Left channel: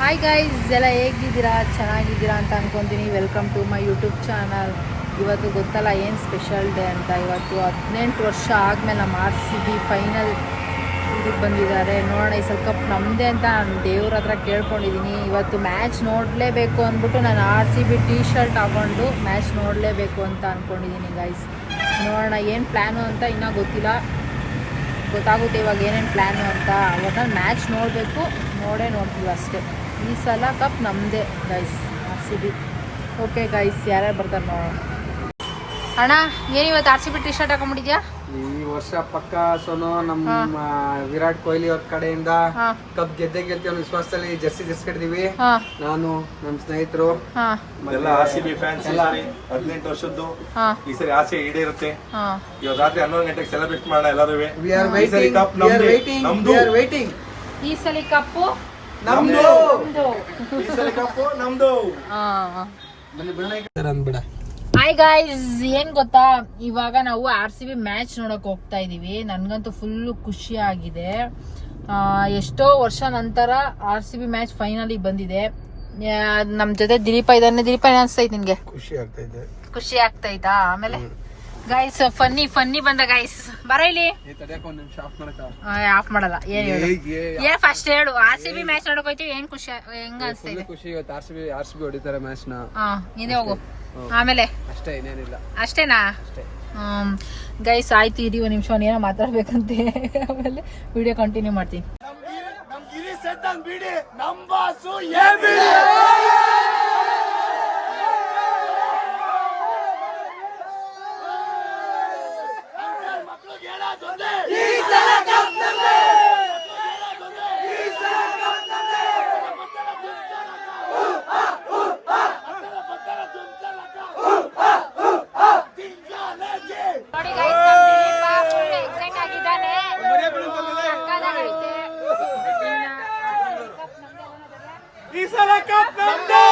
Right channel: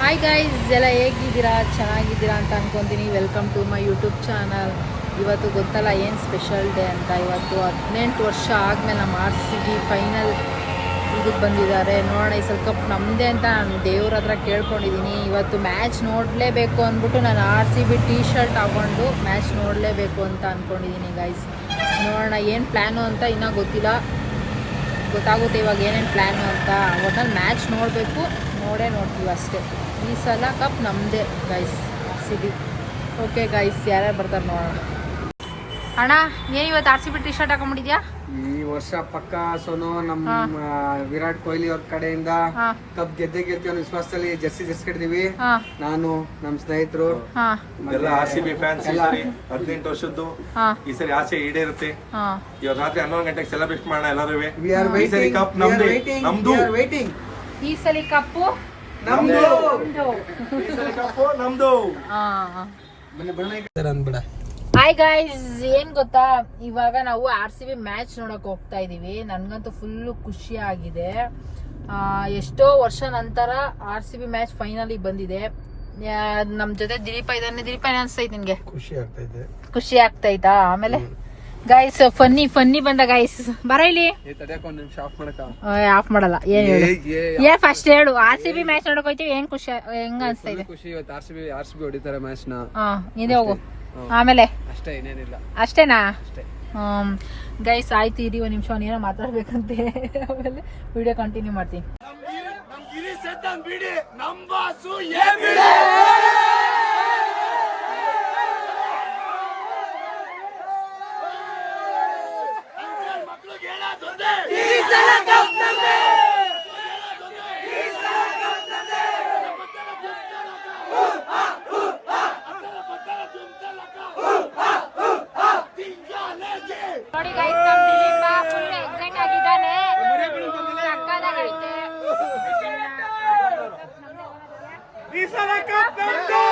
Hi guys, ಎಲ್ಲ ಹೇಗಿದ್ದೀರಾ? ಚೆನ್ನಾಗಿದ್ದೀರಾ ಅಂತ ಅನ್ಕೊತೀನಿ. Welcome to my YouTube channel. ಇವತ್ತು ಗೊತ್ತಲ್ಲ ಏನು ಸ್ಪೆಷಲ್ ಡೇ ಅಂತ. ಇವತ್ತು 18 ವರ್ಷ ಆದಮೇಲೆ ನಮ್ಮ RCB ಫೈನಲ್ ಇದಕ್ಕೆ ಬಂದಿದ್ದಾರೆ. ನೋಡೋಣ ಈ ಸಲ ಕಪ್ ನಮ್ಮದೇ ಅಂತ ನಾನು ದೇವ್ರ ಹತ್ರ ಕೇಳ್ಕೊಂಡಿದ್ದೀನಿ. ಇವತ್ತು ಮ್ಯಾಚ್ ನೋಡಲೇಬೇಕು ಅಂದ್ಬಿಟ್ಟು ನಾನು RCB ಟೀ ಶರ್ಟ್ ಹಾಕ್ಕೊಂಡು ಮ್ಯಾಚ್ ನೋಡಲೇಬೇಕು ಅಂತ ಅಂದ್ಕೊಂಡಿದ್ದೀನಿ ಗೈಸ್. ನೋಡೋಣ ಏನು ಪ್ಲ್ಯಾನು ಅಂತ ಇನ್ನೂ ಗೊತ್ತಿಲ್ಲ. ಗೊತ್ತಾಗುತ್ತೆ ಇವಾಗ ಏನೇನು ಪ್ಲ್ಯಾನು ಅಂತ. ಒಟ್ನಲ್ಲಿ ಮ್ಯಾಚ್ ನೋಡಬೇಕು, ನೋಡ್ತೀವಿ ಅಷ್ಟೇ. ಈ ಸಲ ಕಪ್ ನಮ್ಮದೇ ಗೈಸ್, RCB. ಓಕೆ ಗೈಸ್, ಯಾರ್ಯಾರು ಬರ್ತಾರೆ ನೋಡೋಣ. ಅಣ್ಣ, ಏನು ಇವತ್ತು RCB ಟೀ ಶರ್ಟ್ ಹಾಕೊಂಡ್ಬಿಟ್ಟಿದ್ಯಾ? ಈ ವರ್ಷ ಪಕ್ಕ ಸೋನು ನಮ್ಮ ವಿರಾಟ್ ಕೊಹ್ಲಿ ಅವ್ರ ಕಡೆಯಿಂದ ಕಪ್ ಗೆದ್ದೆ ಅನ್ನೋ ವಿಶ್ವಾಸದಲ್ಲಿ ಜರ್ಸಿ ಕಟ್ಟಿದೀವಿ. ನಾನು ನಮ್ಮ ಸ್ನೇಹಿತರು ಎಲ್ಲ RCB ಫ್ಯಾನ್ಸ್ 18 ವರ್ಷದ್ದು ಈ ಸರಿ ಆಸೆ ಈಡೇರುತ್ತೆ. ಇವಾಗ ರಾತ್ರಿ 11 ಗಂಟೆಗೆ ಸೆಲೆಬ್ರೇಟ್ ಮಾಡೋಣ ಎಲ್ಲರೂ. ಈ ಸರಿ ಕಪ್ ನಮ್ದು. ಈ ಸಲ ಕಪ್ಪು ನಮ್ದು. ಅಂದ್ಬಿಡ. ಹಾಯ್ ಗೈಸ್, ಏನ್ ಗೊತ್ತಾ, ಇವಾಗ ನಾವು RCB ಮ್ಯಾಚ್ ನೋಡಕ್ ಹೋಗ್ತಾ ಇದೀವಿ. ನನ್ಗಂತೂ ಫುಲ್ ಖುಷಿ ಆಗಿದೆ. ಎಷ್ಟೋ ವರ್ಷ ನಂತರ RCB ಮ್ಯಾಚ್ ಫೈನಲಿ ಬಂದಿದೆ. ನಮ್ ಜೊತೆ ದಿಲೀಪ ಇದ್ದಾನೆ. ದಿಲೀಪ, ಏನ್ ಅನ್ಸ್ತೈತೆ ನಿನ್ಗೆ? ಖುಷಿ ಆಗ್ತೈತಾ? ಆಮೇಲೆ ಗೈಸ್ ಫನ್ನಿ ಬಂದ ಗೈಸ್. ಬರ ಇಲ್ಲಿ. ಆಫ್ ಮಾಡಲ್ಲ. ಏನ್ ಫಸ್ಟ್ ಹೇಳು, RCB ಮ್ಯಾಚ್ ನೋಡಕ್ ಹೋಯ್ತೀವಿ. ಹೆಂಗ್ ಖುಷಿ, ಹೆಂಗ ಅನ್ಸ್ತೈತೆ? ಖುಷಿ ಇವತ್ತು RCB ಹೊಡಿತಾರೆ ಮ್ಯಾಚ್ ನ. ನೀನೇ ಹೋಗು. ಆಮೇಲೆ ಅಷ್ಟೇ, ಇನ್ನೇನಿಲ್ಲ. ಅಷ್ಟೇನಾ? ಗೈಸ್ ಆಯ್ತು, ಇರಿ ಒಂದ್ ನಿಮಿಷ, ಏನೋ ಮಾತಾಡ್ಬೇಕಂತೆ. ಆಮೇಲೆ ವಿಡಿಯೋ ಕಂಟಿನ್ಯೂ ಮಾಡ್ತೀನಿ. ನೋಡಿ ಗೈಸ್, ನಮ್ಮ ದಿಲೀಪ ಫುಲ್ ಎಕ್ಸೈಟ್ ಆಗಿದ್ದಾನೆ. ಈ ಸಲ ಕಪ್ ನಮ್ದು.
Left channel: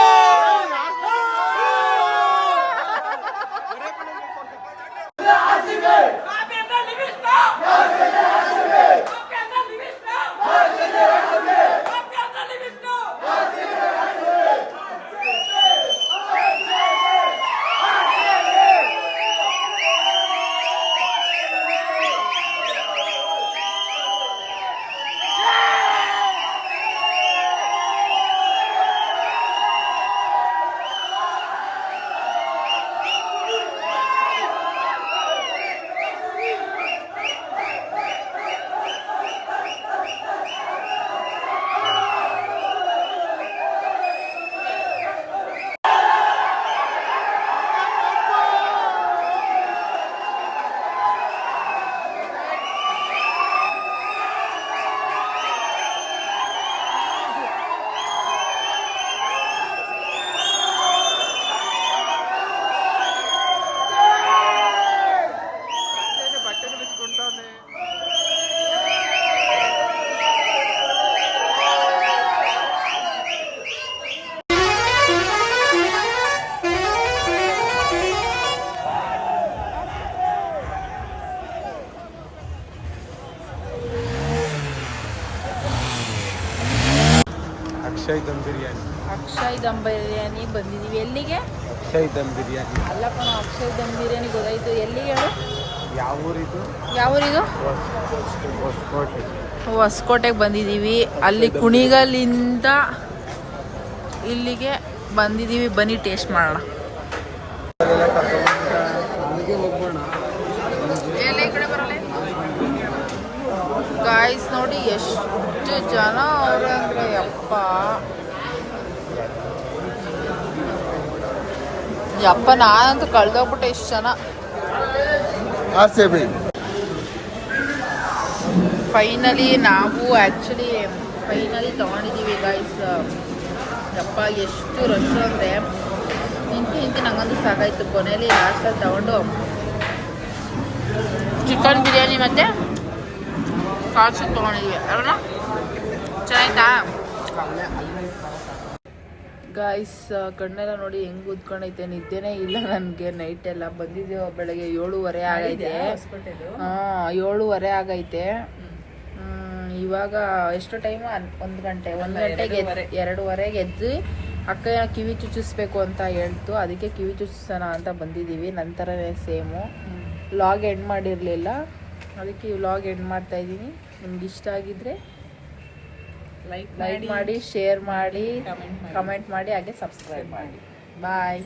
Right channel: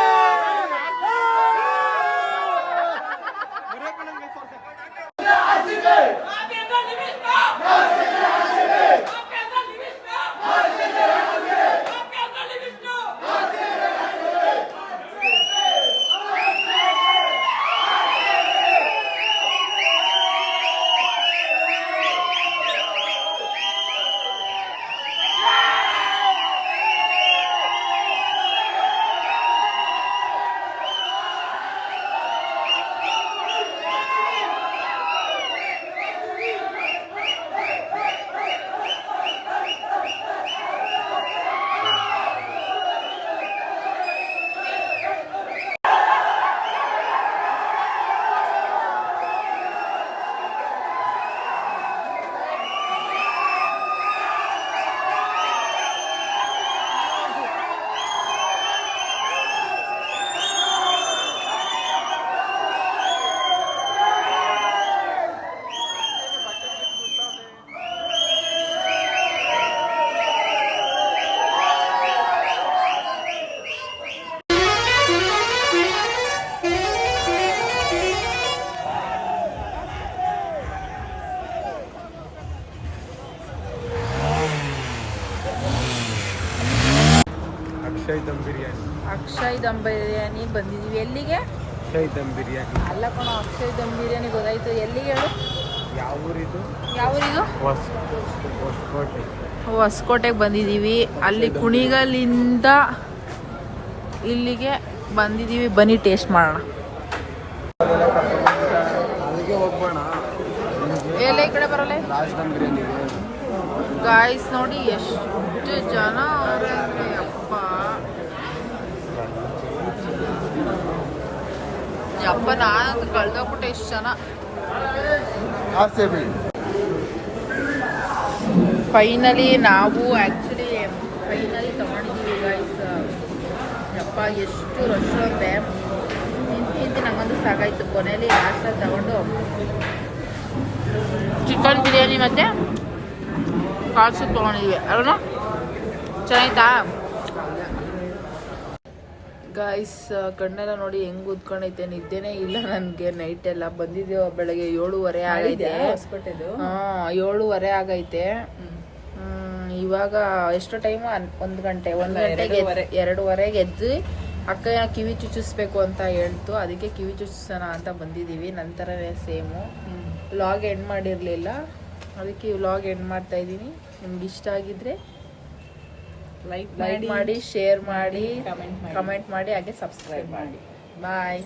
ಅಕ್ಷಯ್ ದಮ್ ಬಿರಿಯಾನಿ ಬಂದಿದೀವಿ. ಎಲ್ಲಿಗೆ? ಅಕ್ಷಯ್ ದಮ್ ಬಿರಿಯಾನಿ ಅಲ್ಲ ಕಣೋ, ಅಕ್ಷಯ್ ದಮ್ ಬಿರಿಯಾನಿ ಗೊತ್ತಾಯ್ತು. ಎಲ್ಲಿಗೆ ಹೇಳು? ಯಾವ ಊರಿದು? ಹೊಸಕೋಟೆಗೆ ಬಂದಿದ್ದೀವಿ. ಅಲ್ಲಿ ಕುಣಿಗಲ್ಲಿಂದ ಇಲ್ಲಿಗೆ ಬಂದಿದ್ದೀವಿ. ಬನ್ನಿ ಟೇಸ್ಟ್ ಮಾಡೋಣ. ಎಲ್ಲ ಈ ಕಡೆ ಬರಲ್ಲ ಗಾಯ್ಸ್. ನೋಡಿ ಎಷ್ಟು ಜನ ಅವ್ರೆ ಅಂದ್ರೆ, ಯಪ್ಪ ನಾನಂತೂ ಕಳ್ದೋಗ್ಬಿಟ್ಟೆ ಎಷ್ಟು ಜನ. ಫೈನಲಿ ನಾವು ಫೈನಲಿ ತಗೊಂಡಿದ್ದೀವಿ ಗಾಯ್ಸ್. ಯಪ್ಪ ಎಷ್ಟು ರಶ್ ಅಂದರೆ ನಿಂತು ನಂಗಂತೂ ಸಾಕಾಯ್ತು. ಕೊನೆಯಲ್ಲಿ ಲಾಸ್ಟಲ್ಲಿ ತಗೊಂಡು ಚಿಕನ್ ಬಿರಿಯಾನಿ ಮತ್ತು ಕಾಲ್ ಸೂಪ್ ತೊಗೊಂಡಿದ್ವಿ. ಅಲ್ಲ ಚೆನ್ನಾಯ್ತಾ ಗಾಯ್ಸ್? ಕಣ್ಣೆಲ್ಲ ನೋಡಿ ಹೆಂಗ್ ಉದ್ಕೊಂಡೈತೆ. ನಿದ್ದೆನೇ ಇಲ್ಲ ನನಗೆ. ನೈಟ್ ಎಲ್ಲ ಬಂದಿದ್ದೀವಿ ಬೆಳಗ್ಗೆ 7:30 ಆಗೈತೆ. 7:30 ಆಗೈತೆ. ಇವಾಗ ಎಷ್ಟು ಟೈಮು 1 ಗಂಟೆ 2:30 ಎದ್ದು ಅಕ್ಕ ಕಿವಿ ಚುಚ್ಚಿಸ್ಬೇಕು ಅಂತ ಹೇಳ್ತು, ಅದಕ್ಕೆ ಕಿವಿ ಚುಚ್ಚಿಸೋಣ ಅಂತ ಬಂದಿದ್ದೀವಿ. ನಂತರನೇ ಸೇಮು ವ್ಲಾಗ್ ಎಂಡ್ ಮಾಡಿರಲಿಲ್ಲ, ಅದಕ್ಕೆ ವ್ಲಾಗ್ ಎಂಡ್ ಮಾಡ್ತಾ ಇದ್ದೀನಿ. ನಿಮ್ಗೆ ಇಷ್ಟ ಆಗಿದ್ರೆ ಲೈಕ್ ಮಾಡಿ, ಶೇರ್ ಮಾಡಿ, ಕಮೆಂಟ್ ಮಾಡಿ, ಹಾಗೆ ಸಬ್ಸ್ಕ್ರೈಬ್ ಮಾಡಿ. ಬಾಯ್.